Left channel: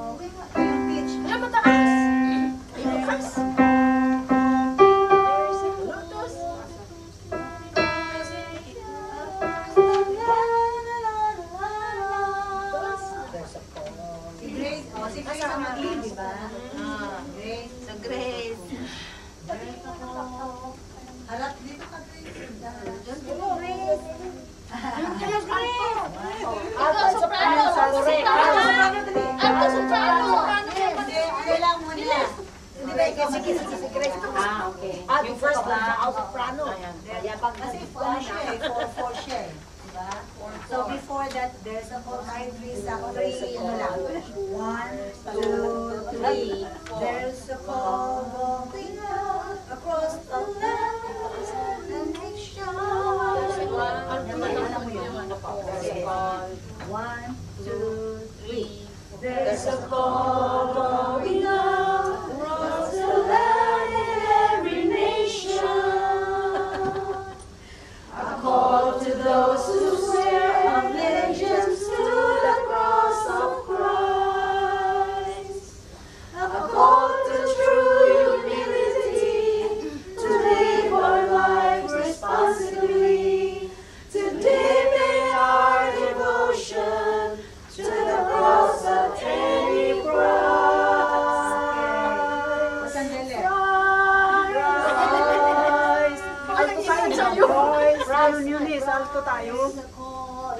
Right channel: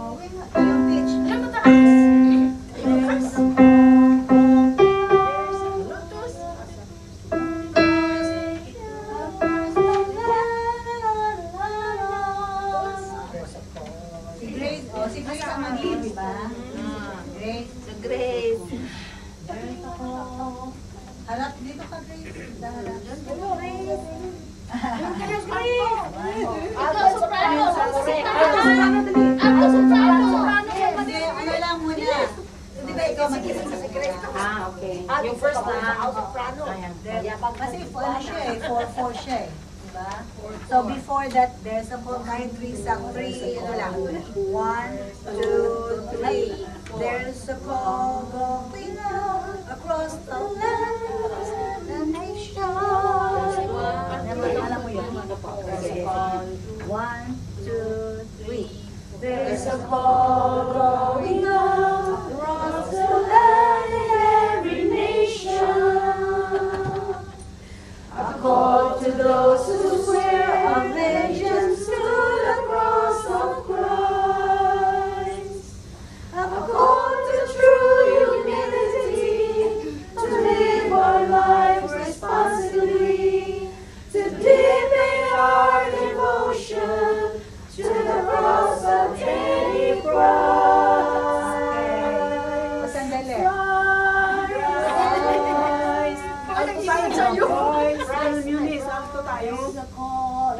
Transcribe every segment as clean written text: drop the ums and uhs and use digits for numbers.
Yung pitch. Alam mo taas? Taas? Si Grace, o si Grace ang mag-lead, di ba? Grace. So, Grace. Harap dito ka, Grace. Alto soprano. Alto soprano. Hindi, ano lang muna. Hindi ba ikaw mag-isa si Grace? Okay. Yung first na, alto soprano. Kasi ano siya eh, 4-4 siya eh. Diba? So before that, there's a kahit 3 sa 3, ano lang. 1, 2, 3. There's a call going out across the land, the nation. Alam mo yun? 1, 2, 3. There's a call going out across the land in every nation. A call to those who swear allegiance to the cross of Christ. A call to true humility, to live our lives responsibly, to deepen our devotion to the cross of any Christ. Sandali.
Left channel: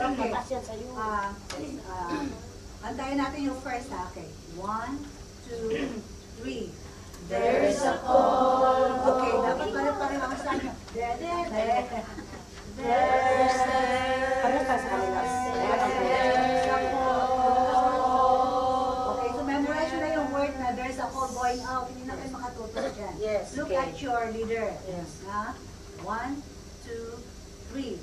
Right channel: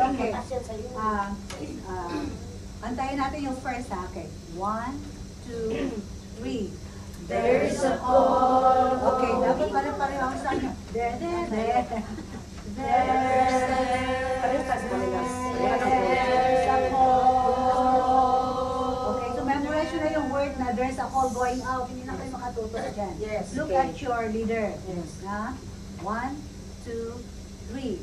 Okay. Antayin natin yung first ha. Okay. 1, 2, 3. There's a call. Okay, dapat pala pareho ang sanya. There's a call. Okay, so memorize na yung word na there's a call going out. Hindi na kayo makatuto dyan. Yes, Look okay. at your leader. Yes. Ha? 1, 2, 3.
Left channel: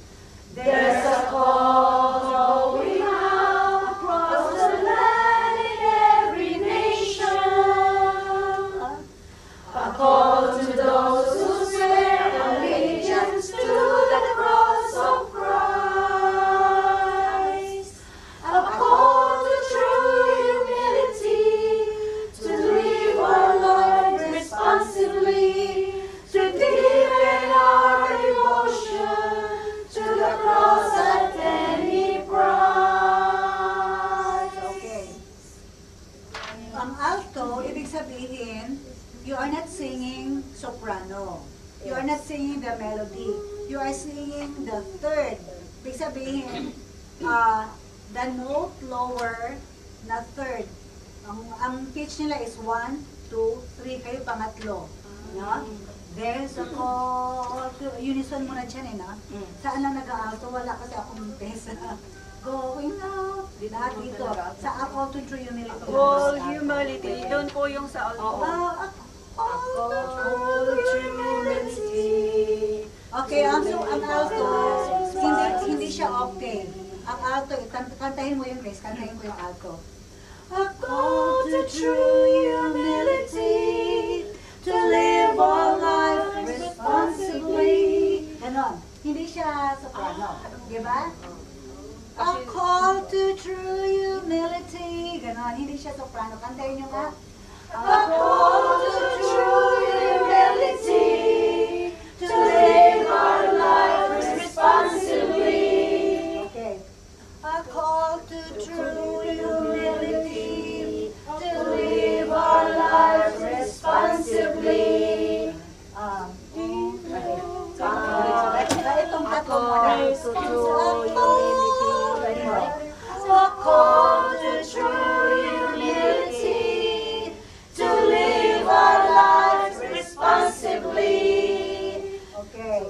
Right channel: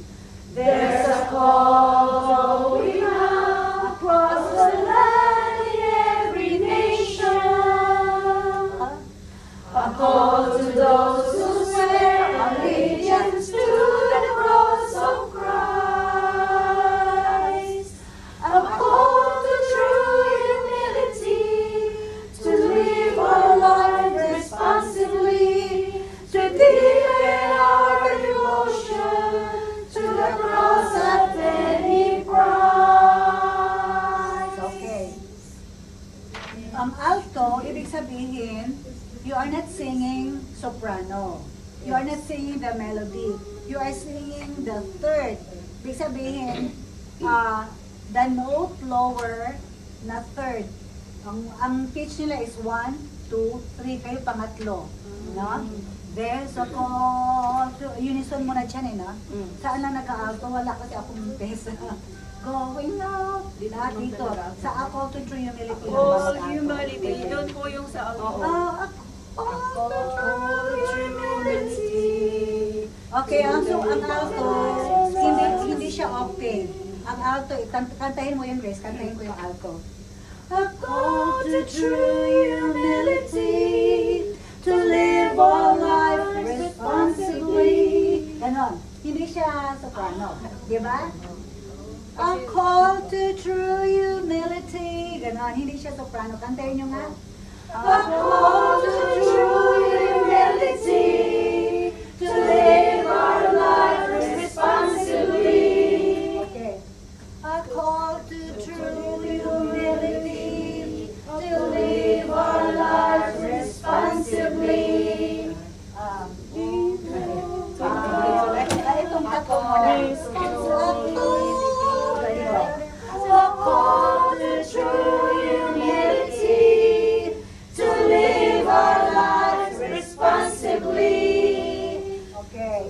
There's a call going out across the land in every nation. A call to those who swear allegiance to the cross of Christ. A call to true humility, to live our lives responsibly, to deepen our devotion to the cross at any price. Okay. Ang alto, ibig sabihin, you are not singing soprano. You are not singing the melody. You are singing the third. Ibig sabihin, the note lower na third. Ang pitch nila is 1, 2, 3. Kayo pangatlo. No? There's a call to, unison muna dyan eh, no? Saan lang nag-alto? Wala kasi akong pesa. Going out. Dito. Sa a call to true humility. Call humility, yun po yung sa alto. A call to true humility. Okay, so ang alto, hindi siya octave. Ang alto, kantahin mo yun, Grace. Kantahin ko yung alto. A call to true humility, to live our life responsibly. Ganon. Hindi siya soprano. Di ba? A call to true humility. Ganon. Hindi siya soprano. Kantahin nyo nga. A call to true humility, to live our life responsibly. Okay. A call to true humility, to live our lives responsibly. Itong tatlo mo na. A call to true humility, to live our lives responsibly. Okay.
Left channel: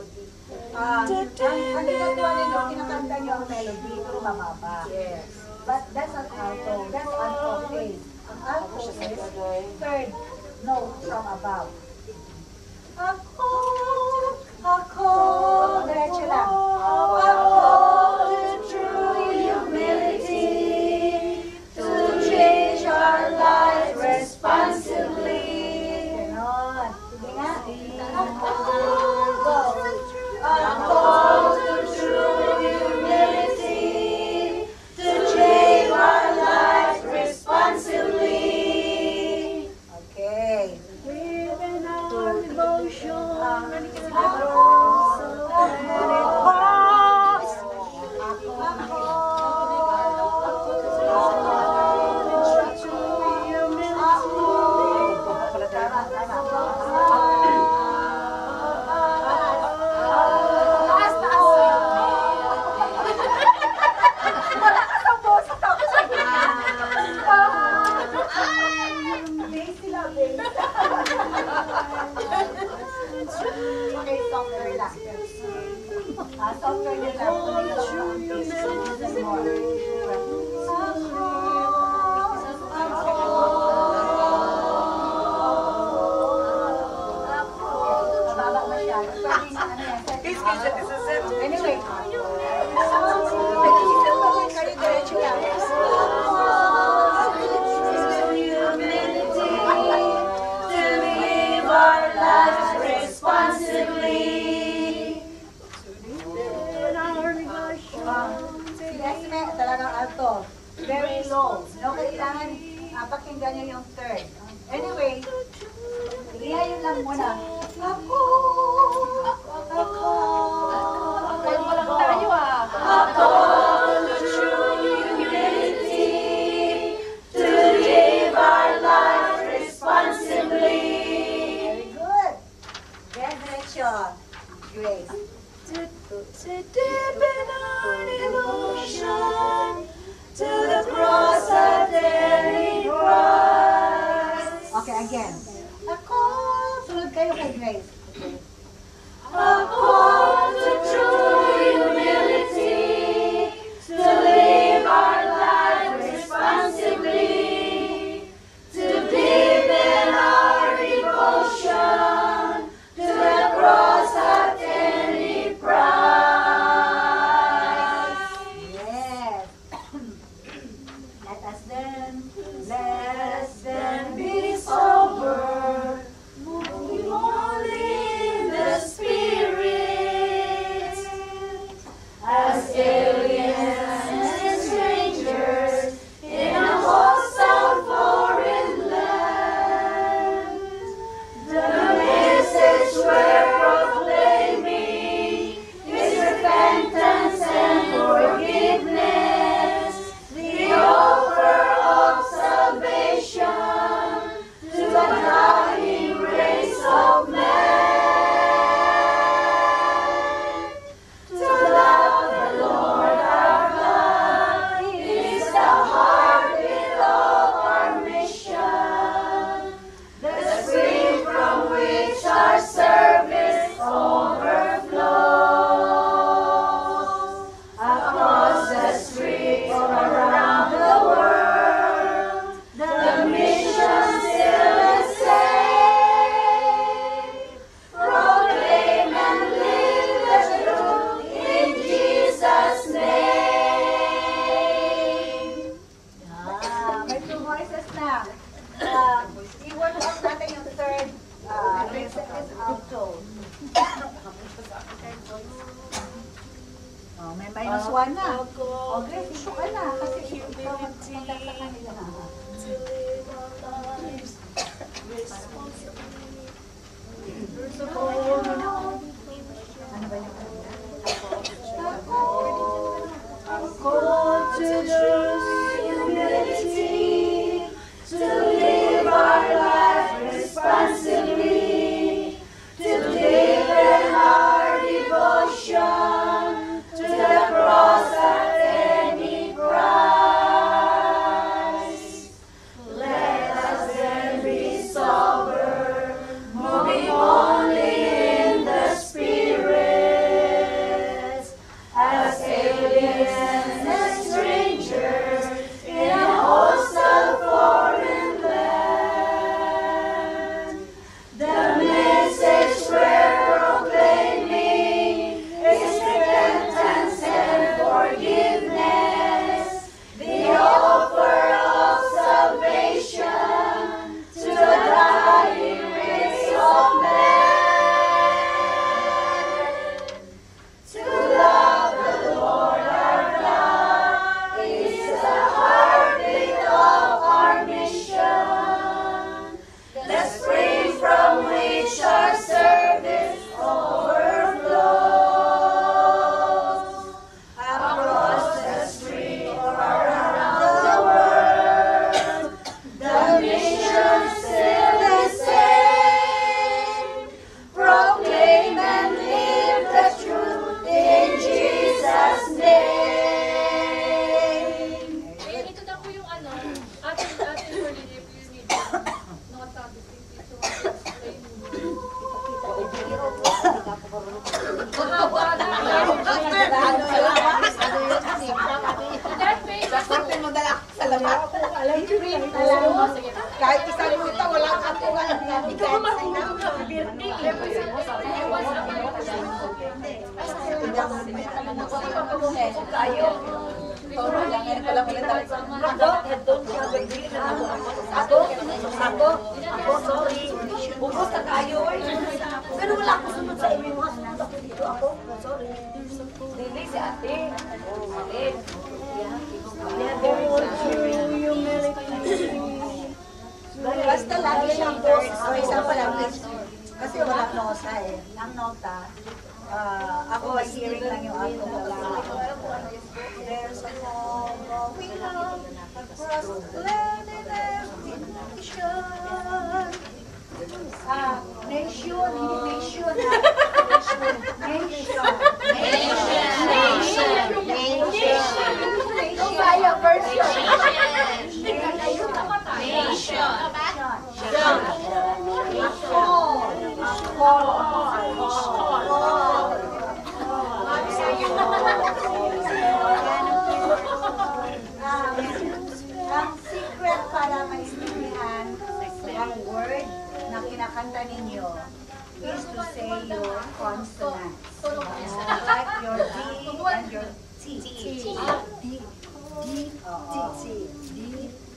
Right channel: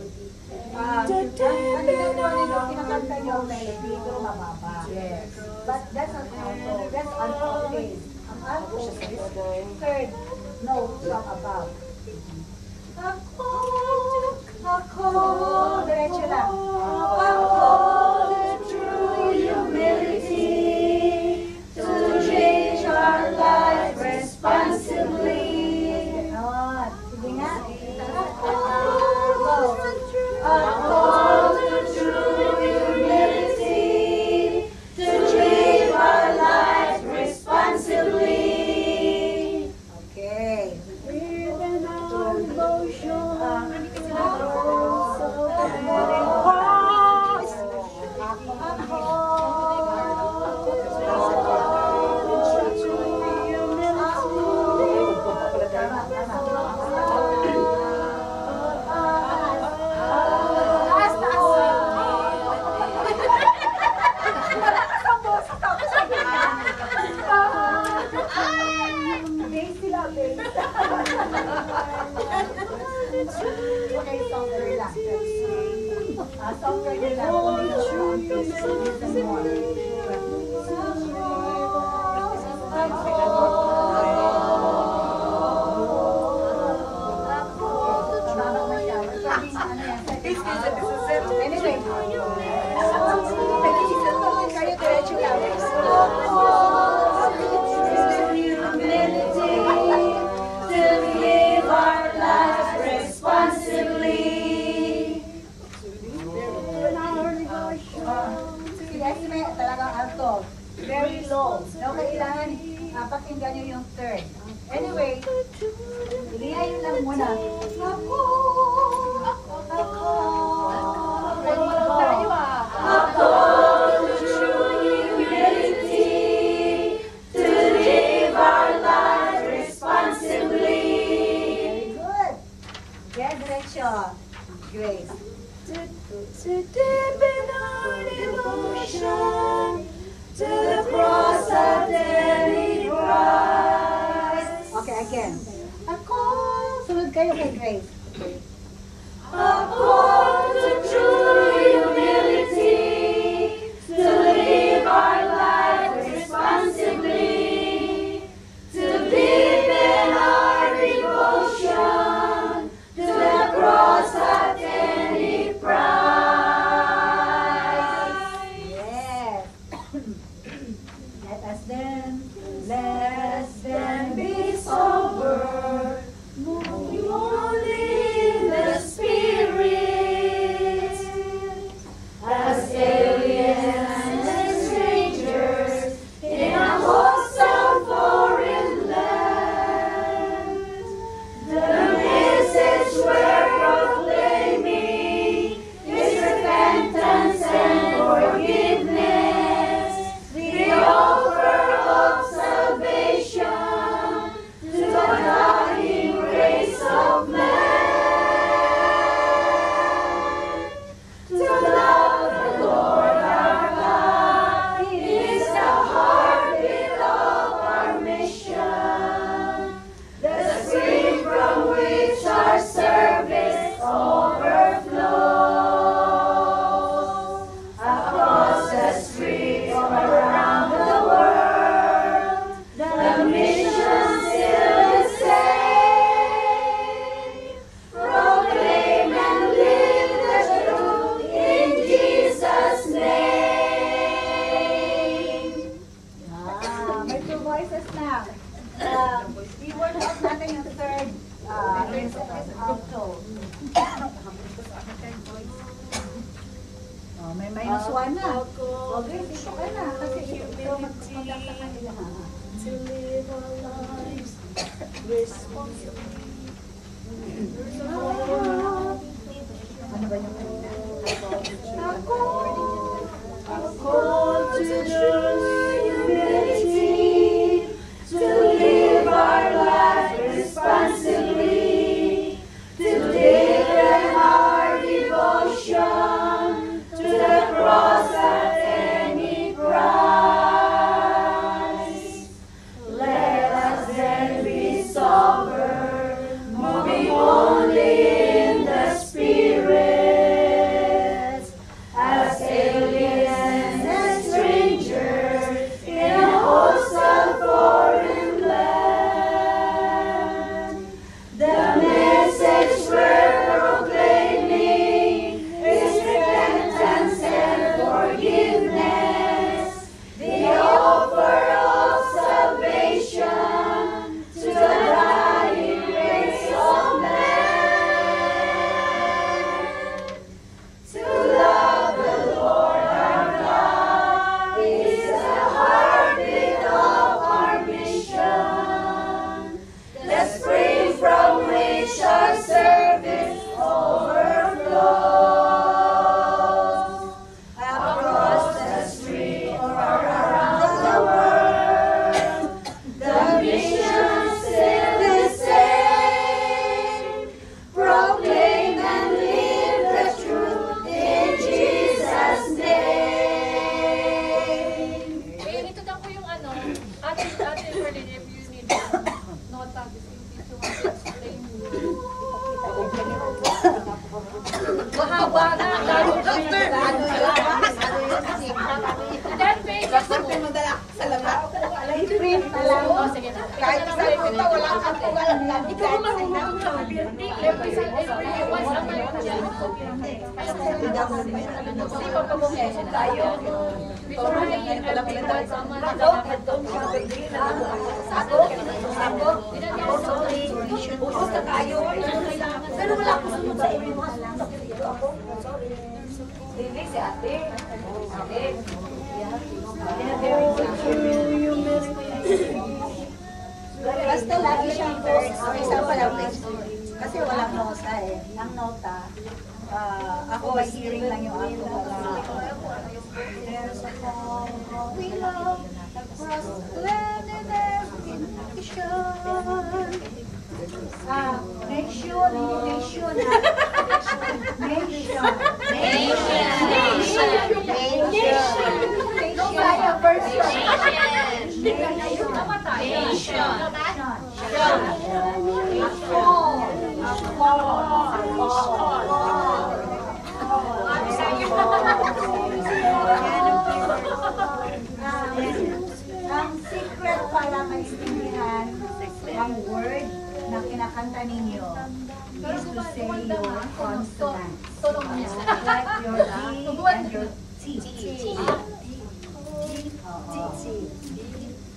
Kinakanta niyo ang melody, ito mababa. Yes. But that's an alto. That's an octave. Ang alto is third note from above. Ako, diretso lang. A call to true humility, to change our life responsibly. Ganon. Sige nga. A call to true humility, to change our life responsibly. Okay, softer lang. Softer Anyway, diretso lang. To live our lives responsibly. Si Esme, talagang alto. Very low. No, kailangan pakinggan niyo yung third. Anyway, lihayin lang muna. Ako. Pero walang tayo ah. A call to true humility, to live our lives responsibly. Very good. Yan, diretso. Grace. To deepen our devotion to the cross of daily Christ. Okay, again. Ako. Sunod kayo kay Grace. A call to true humility, to live our lives responsibly, to deepen our devotion to the cross of any price. Yes. Let us then Be sober, moving only in the Spirit, as aliens and strangers in a hostile foreign land. The message we're proclaiming is repentance and forgiveness, the offer of salvation to the dying race of man. To love the Lord our God is the heartbeat of our mission, the spring from which our service overflows. Across the streets around the world, the mission still the same. Proclaim and live the truth in Jesus' name. may two voices na. I-work out natin yung third alto. May minus one na. Okay, dito ka na. Kasi ikaw magpapaglag sa kanila na. To live our lives responsibly. Ano ba yung kanina? A call to true humility, to live our life responsibly, to deepen our devotion to the cross at any price. Let us then be sober, moving only Pero wala ko sunod sa inyo mga sunod ako. Sorry. Hindi si ate. Ate. Basta lagi siyang post, for example, kasi walang nota eh. Ang nota, ako by hearing lang yung ako. There's a call, we love, across the land and every nation. Nation, hindi nation. Nation. Ang secret para maintindihan ang word na kinakanta ninyo is to say your consonants. Like your D and your T.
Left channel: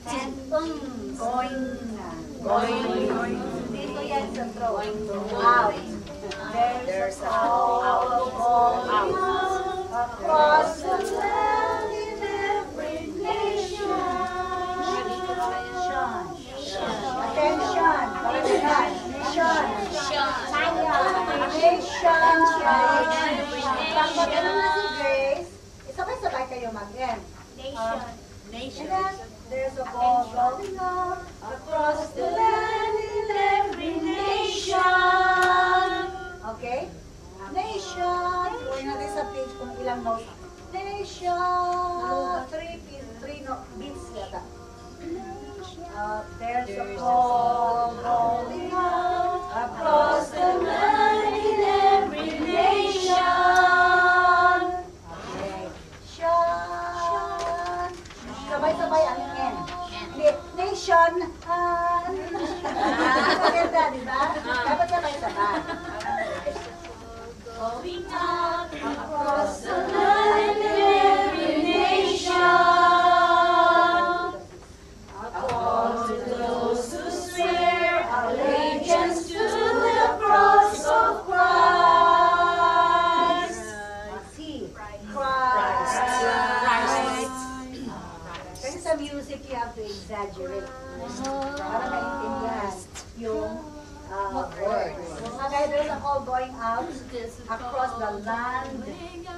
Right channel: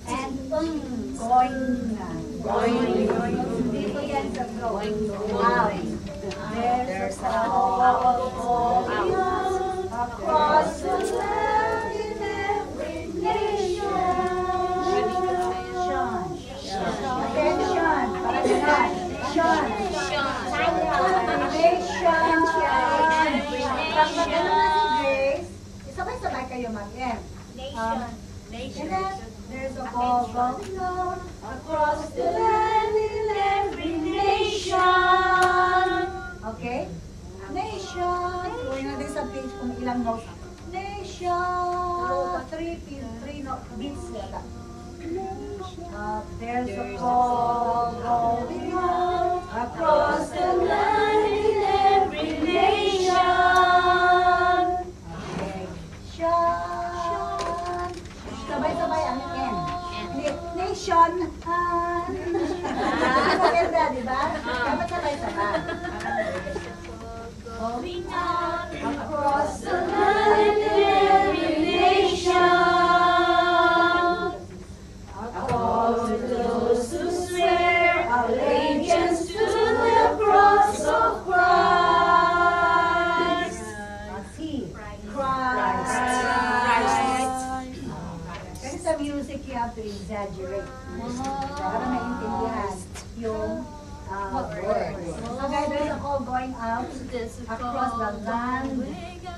And going na. Dito yan sa throat. Out. There's a call across the land in every nation. Attention. Nation. Pag mag-ano na si Grace, sabay-sabay kayo mag-end. There's a call going on across the land in every nation. Okay? Nation. Kunin natin sa page kung ilang notes. Nation. Three beats yata. There's a call going on across the land in every nation. Nation. Sabay-sabay ang N. Nation. Maganda, di ba? Dapat sabay-sabay. Going on across the land in every nation. All to those who swear allegiance to the cross of Christ. Christ. Kasi sa music, you have to exaggerate para maintindihan yung words. Kagaya there's a call going out across the land.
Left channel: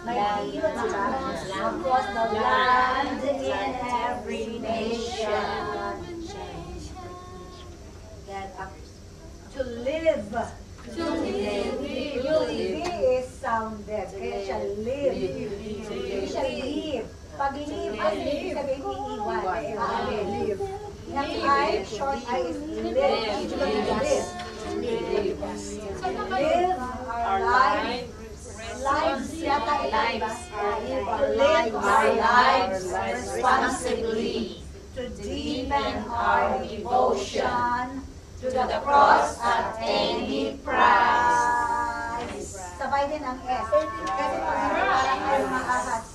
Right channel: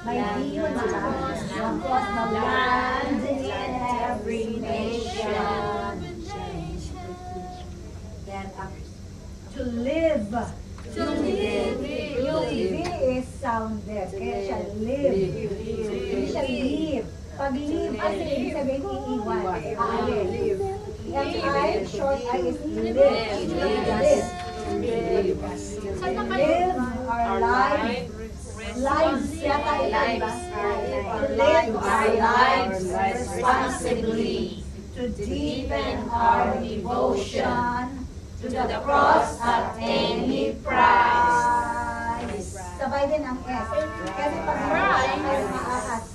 May iyo, di ba? Across the land in every nation. Then, to live. Yung V is sounded. Kaya siya live. Hindi siya live. Pag live, kasi ibig sabihin iiwan. Live. Yung I, short I is live. Live. Live our life. Lives yata lives. To live our lives responsibly. To deepen our devotion to the cross at any price. Sabay din ang S. Kasi pag hindi parang S maakas.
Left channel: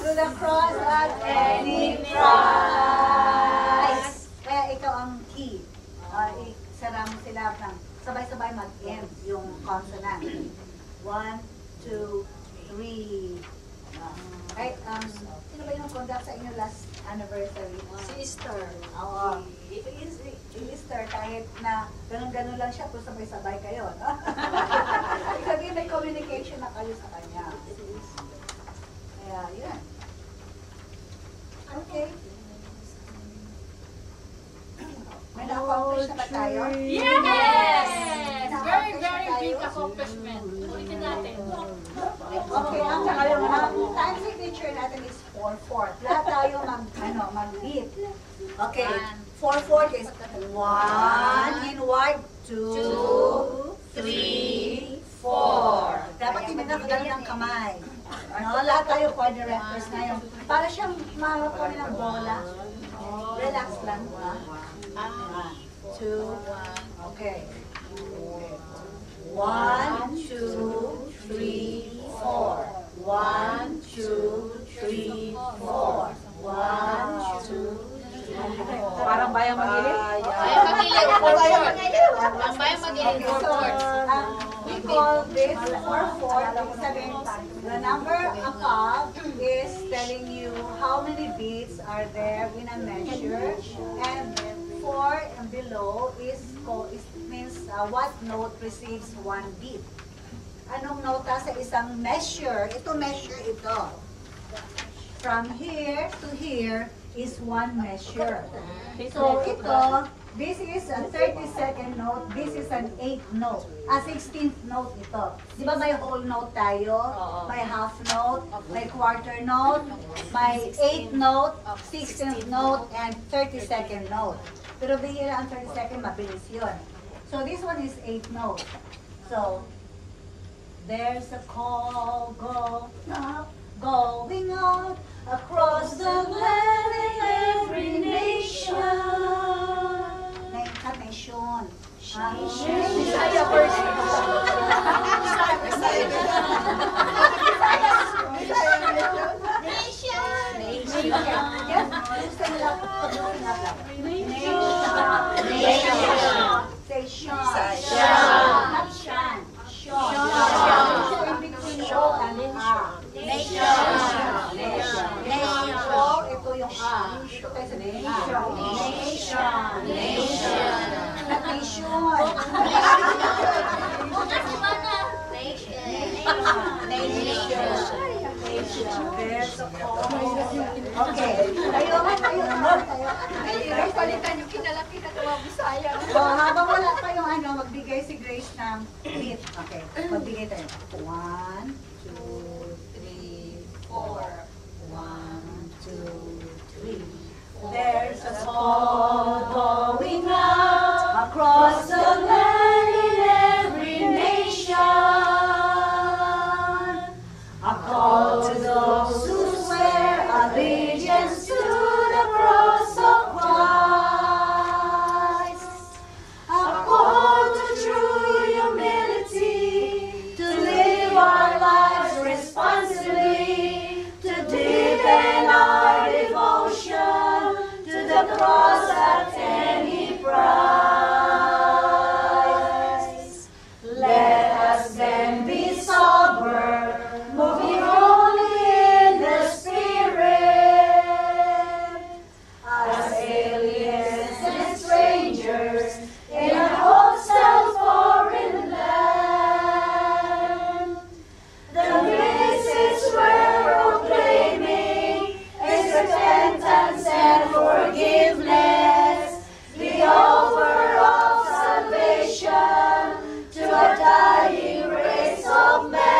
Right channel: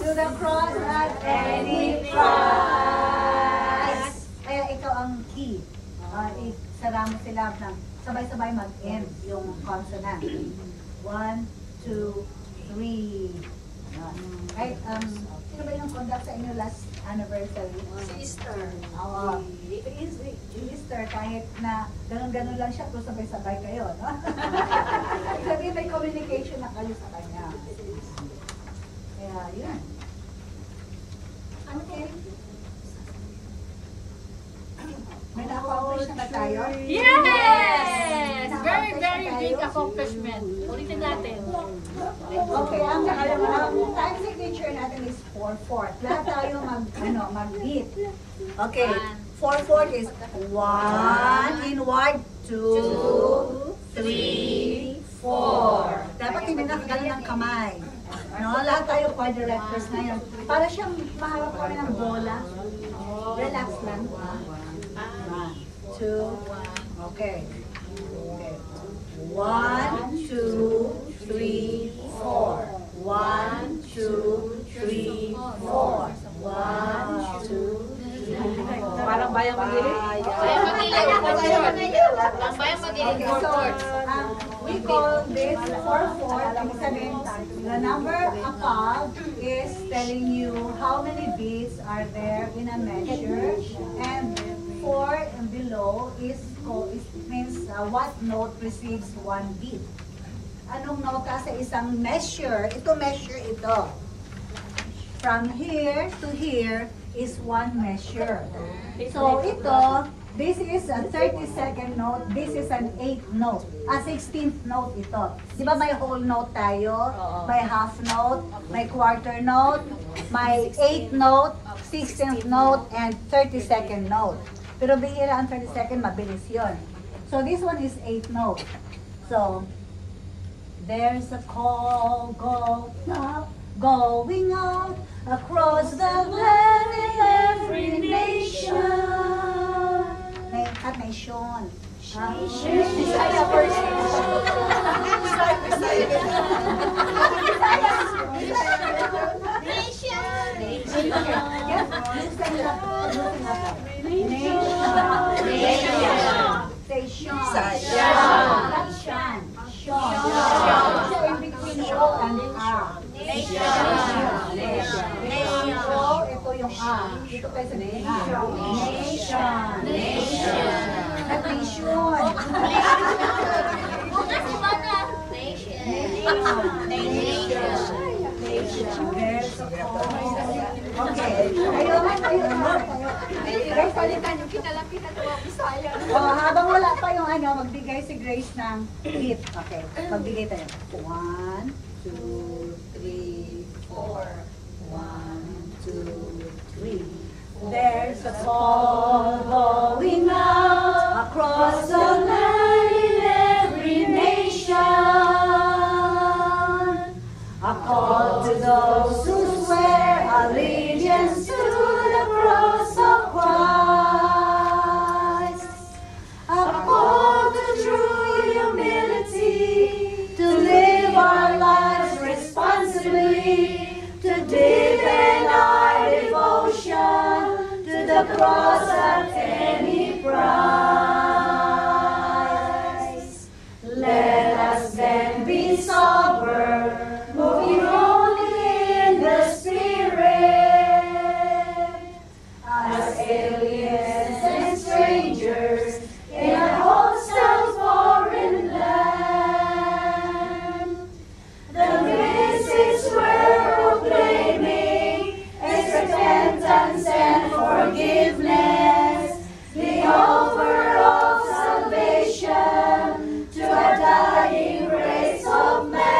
To the cross at any price. Kaya ikaw ang key. Isara mo sila ng sabay-sabay mag-end yung consonant. 1, 2, 3. Right? Sino ba yung conduct sa inyo last anniversary? Sister. Oo. Easter, kahit na ganun-ganun lang siya, kung sabay-sabay kayo, no? Sabi may communication na kayo sa kanya. Kaya, yun. Okay. May na-accomplish na ba tayo? Yes! Very, very big accomplishment. Ulitin natin. Okay, ang time signature natin is 4/4. Lahat tayo mag-beat. Okay, 4/4 is 1 inward, 2, 3, 4. Dapat hindi na kagano ng kamay. No, lahat tayo quadrilaterals na yun. Para siyang maharap kami ng bola. Relax lang. 1, 2, okay. 1, 1, 2, 3, 4. 1, 2, 3, 4. 1, 2, 3, 4. Parang bayang magilid. Bayang magilid, 4/4. Ang bayang magilid, Okay, so 4/4. we call this 4/4. Ibig sabihin, the number above is telling you how many beats are there in a measure, and 4 and below means what note receives 1 beat. Anong nota sa isang measure? Ito measure ito. From here to here is 1 measure. So ito, this is a 32nd note, this is an 8th note. 16th note ito. Di ba may whole note tayo? May half note, may quarter note, may 8th note, 16th note, and 32nd note. Pero bihira ang 32nd, mabilis yun. So this one is 8th note. So, there's a call going out across the land in every nation. Nation. Bisaya version. Dito tayo sa habang wala pa yung magbigay si Grace ng beat. Okay, magbigay tayo. 1, 2, 3, 4. 1, 2, 3. There's a call going out across the land in every nation. A call to those who swear allegiance to the cross of Christ. A call to true humility, to live our lives responsibly, to deepen our devotion to the cross at any price. Let us then be sober, moving only in the Spirit, as aliens and strangers in a hostile foreign land. The message we're proclaiming is repentance and forgiveness, the offer of salvation to a dying race of man.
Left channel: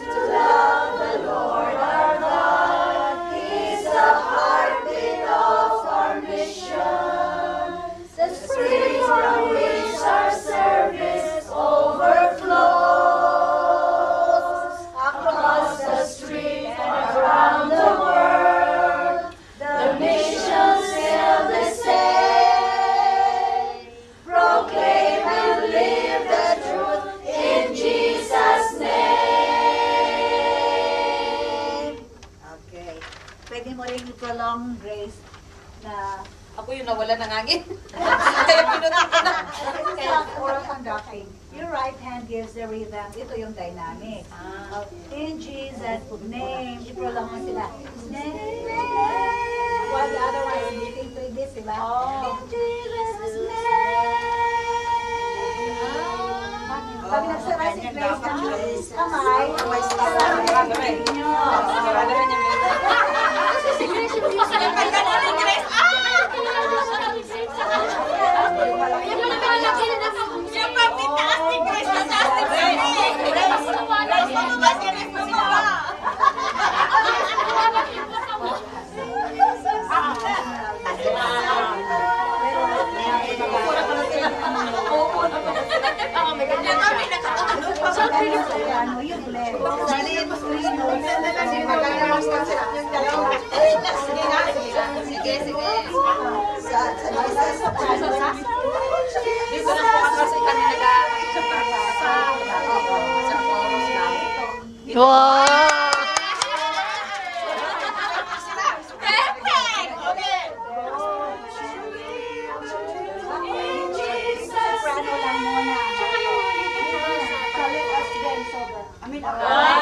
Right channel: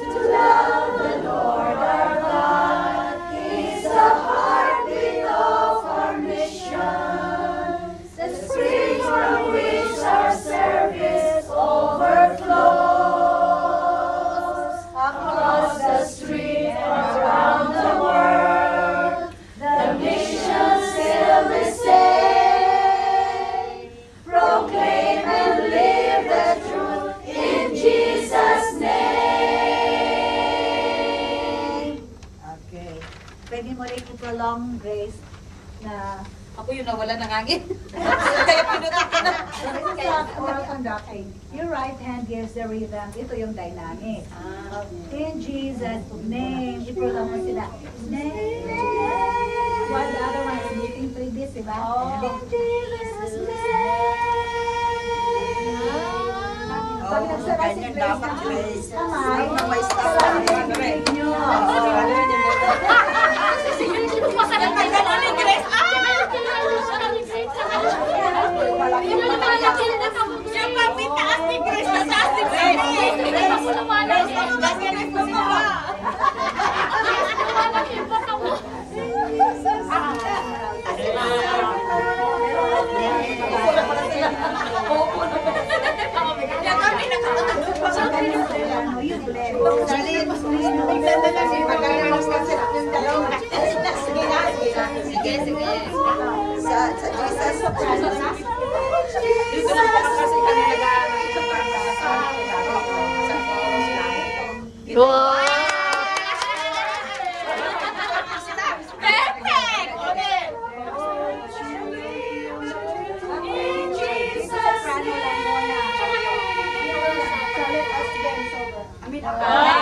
To love the Lord our God is the heartbeat of our mission, the spring from which our service overflows. Across the street and around the world, the mission still the same. Proclaim and live the truth in Jesus' name. Okay. Pwede mo rin i-prolong, Grace, na Ako yung nawala ng hangin. oral conducting. Your right hand gives the rhythm. Ito yung dynamic. In Jesus' name. I-prolong mo sila. Name. While the other one is meeting 3 beats, diba? In Jesus' name. Pag nagsara si Grace ng kamay, sarang yung bibig nyo. You blend. mean, ako.